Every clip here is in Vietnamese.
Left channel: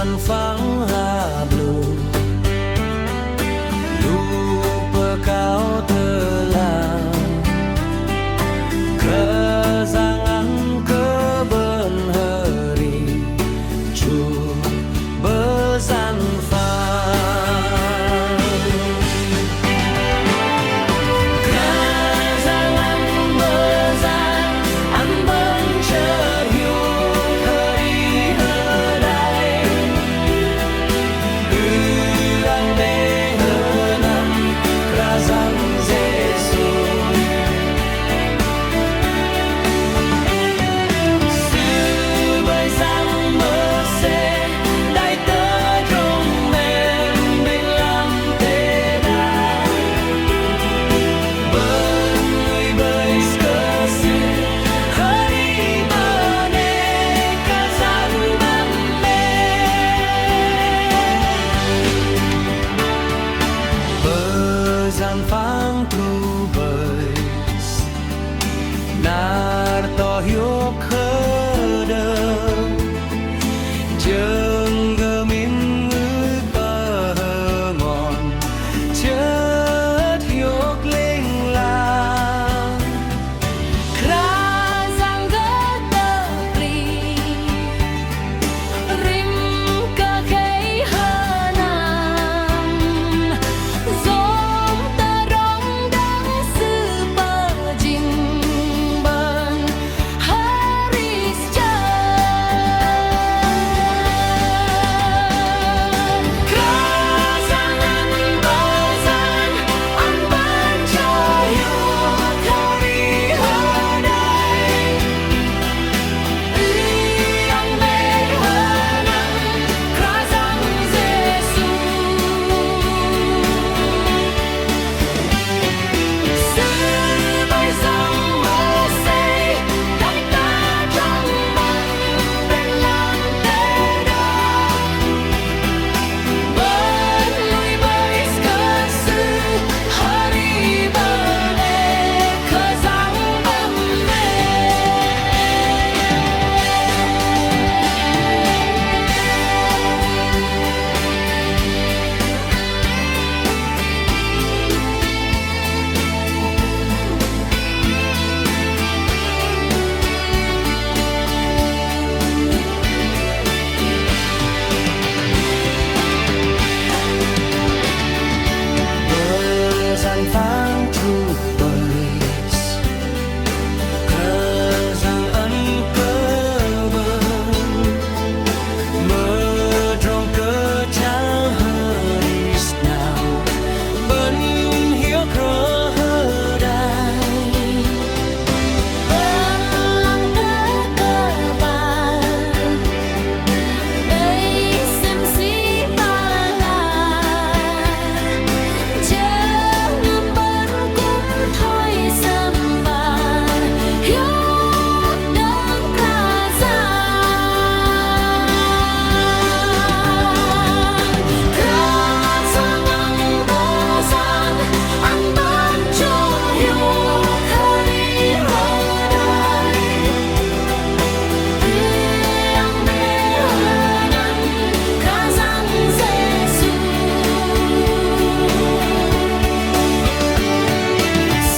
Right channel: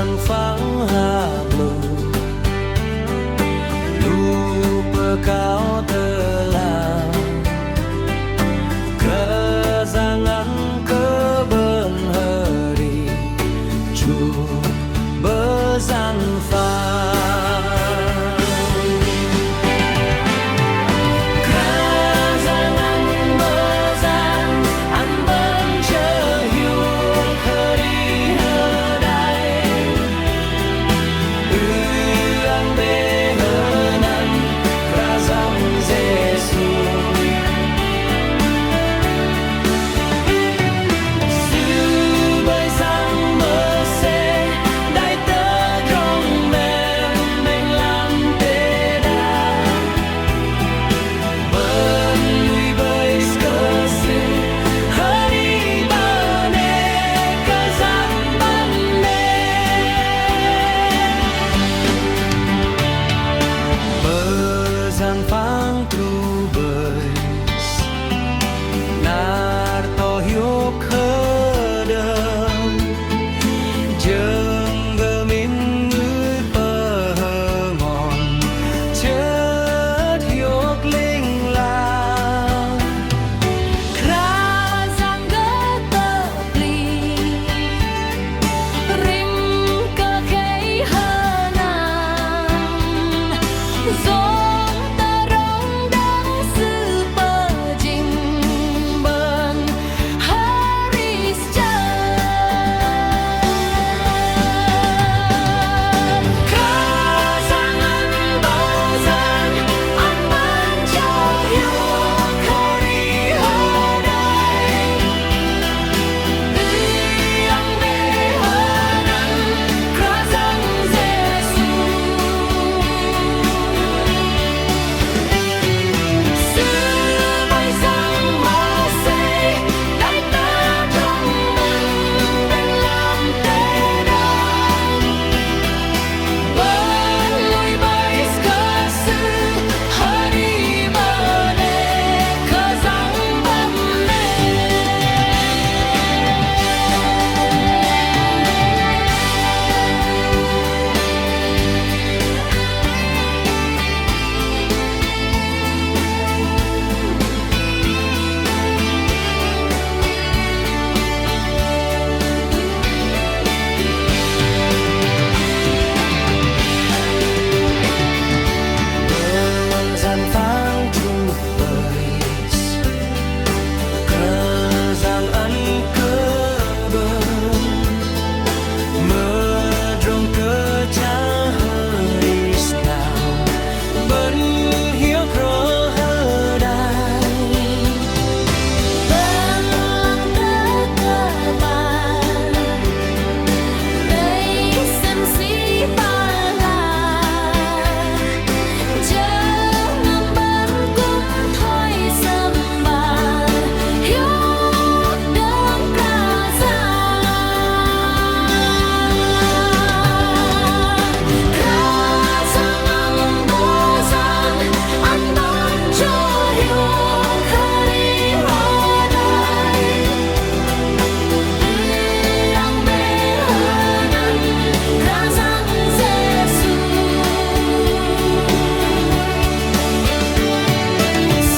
dần phẳng hà blue lupa kau telah kejangan keben hari cu bezan phẳng kejangan bezan an ben chờ hiu hari hedai ang be henan krazang Jesus Bezan phang tru beis nar to hiup khedem jeung gemin ngeuy pengon ceut hiuk ling lang Krazang getepli rim ke kei henang Zom terong dang sư bờ jing ben haris chet Krazangan bezan an ban cahiu kari hedai Yang mehenang krazang Jesu Sư bay sang Mê-se đại ta trong mình bên làm tế đàn bên lui bay cơ sư hari bane cơ giang bầm mê Bezan phang tru beis keranjang an keben medrong ke chal haris nào ben hiu kro hedai bên lăng tơ cơ bà đây xem si ba la jangan ben kum thôi sembar hidup dan krazangan bezan an ban cho hidup hari hedai yang behenan krazang Jesu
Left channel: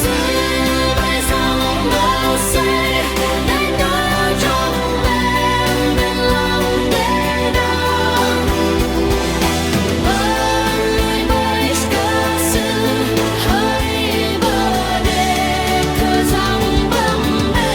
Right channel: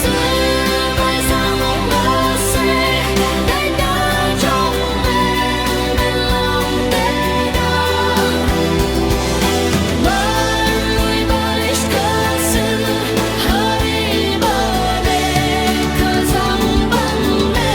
sư bay sang Mê-se đại ta trong em bên làm tế đàn bên lui bay cơ sư hari bane cơ giang bầm mê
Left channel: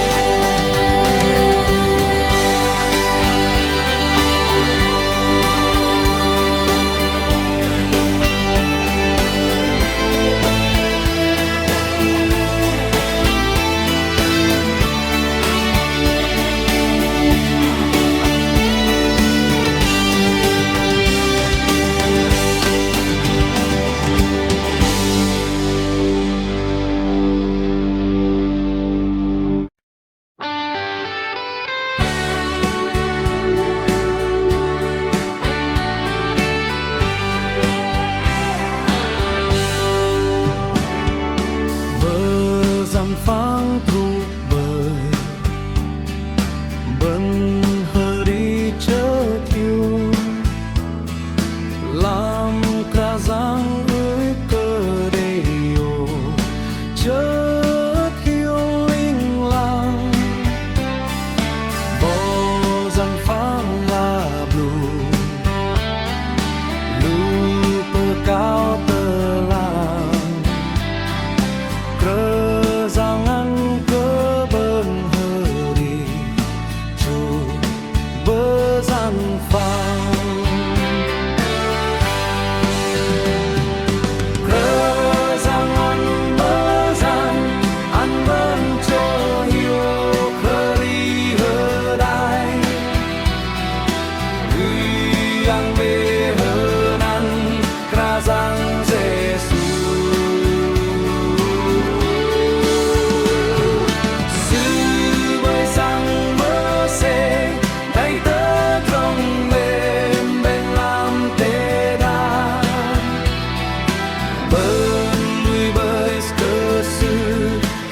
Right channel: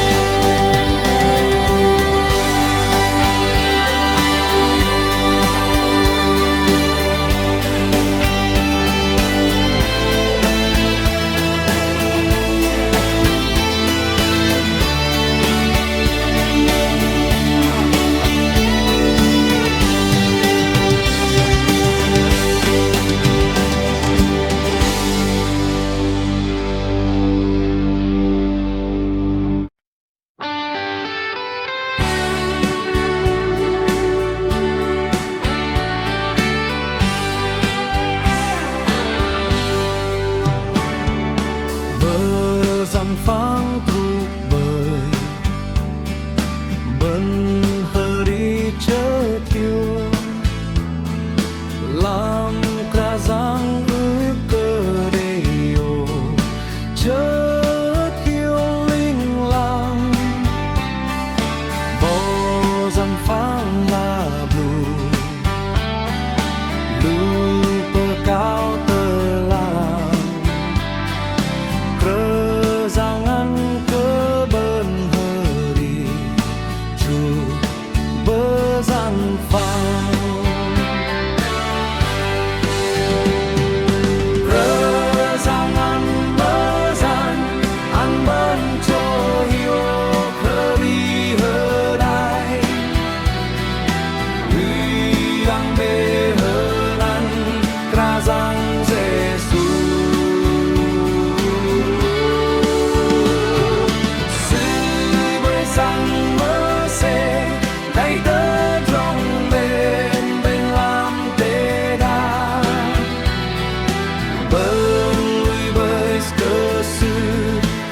Bezan phang tru bơi ben hari chợt hiu dàn phang la blue lupa kau telah kerangan keben hari cu bezan phang kerangan bezan an ben cho hiu khari hedai yang be henan krazang Giêsu sư bơi sang mơ xe tay tớ trong bên bên làm tê đa bên lui bơi cơ sư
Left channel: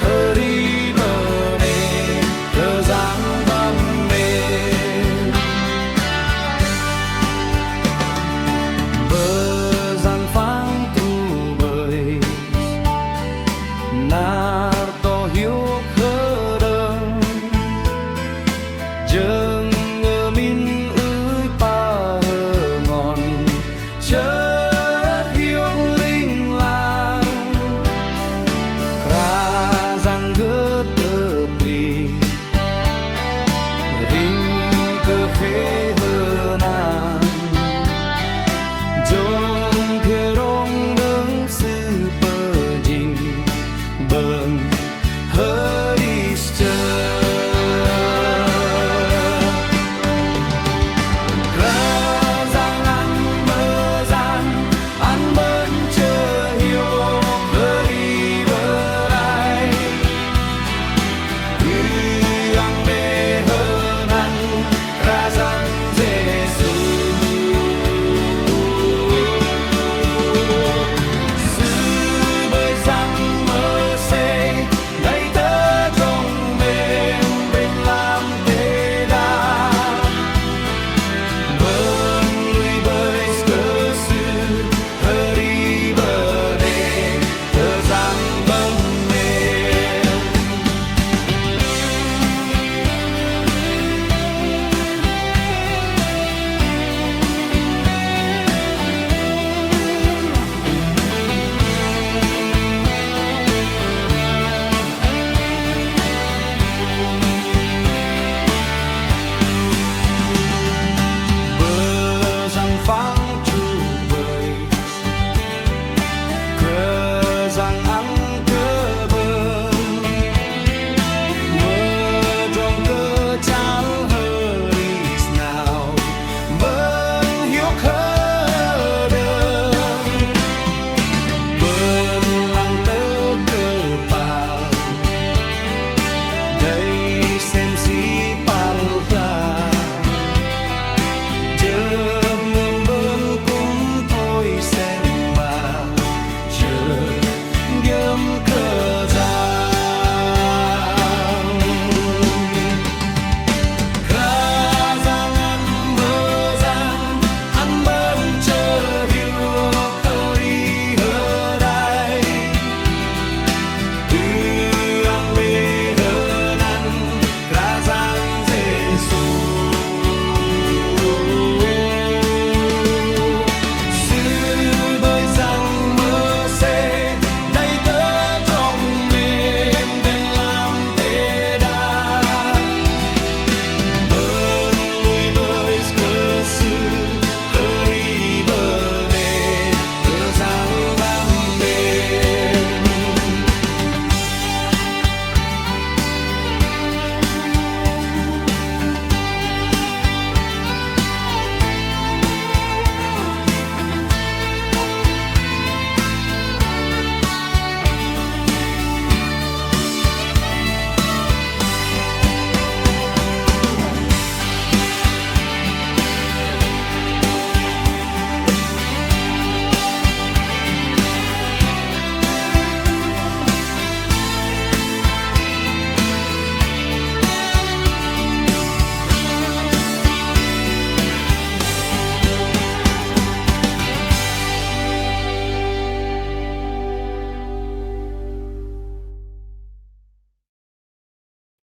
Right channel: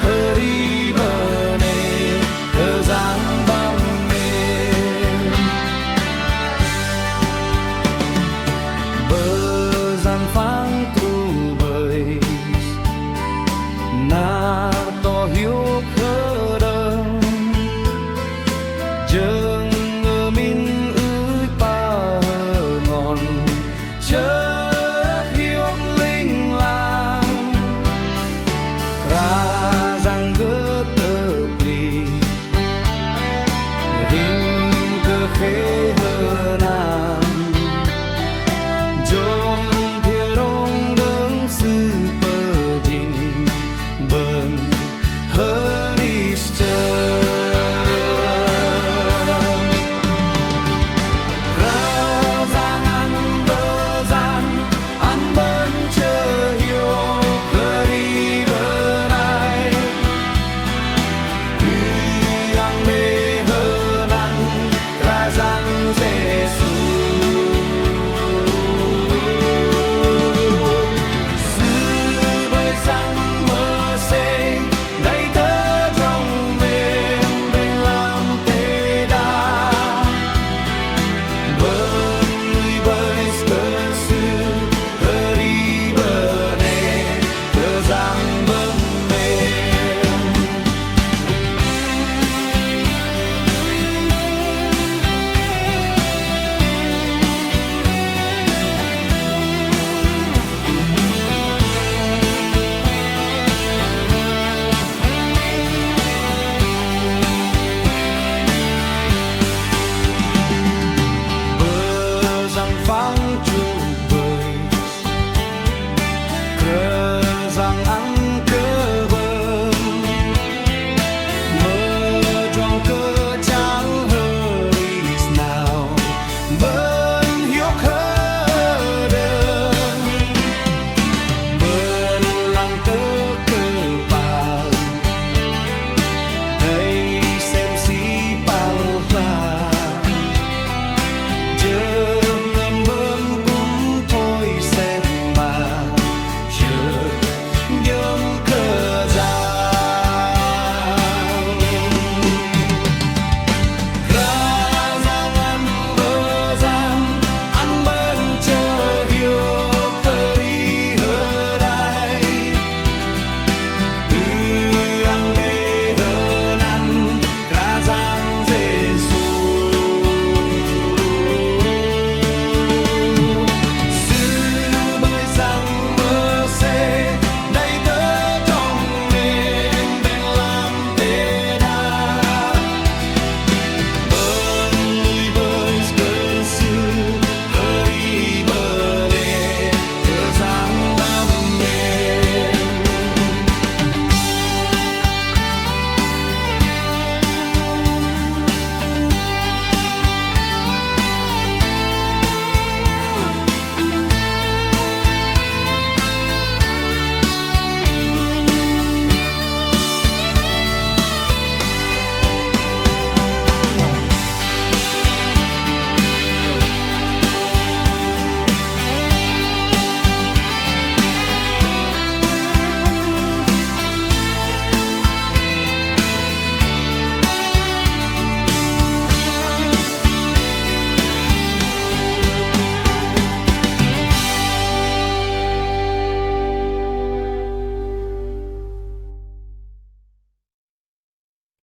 hari bane cơ giang băm mê bờ gian phang tru bơi nar to hiu khơ đơn dừng ngơ min ơi pa hơ ngon chớt hiu linh lang kra giang gơ tơ pli ring cơ khê hơ na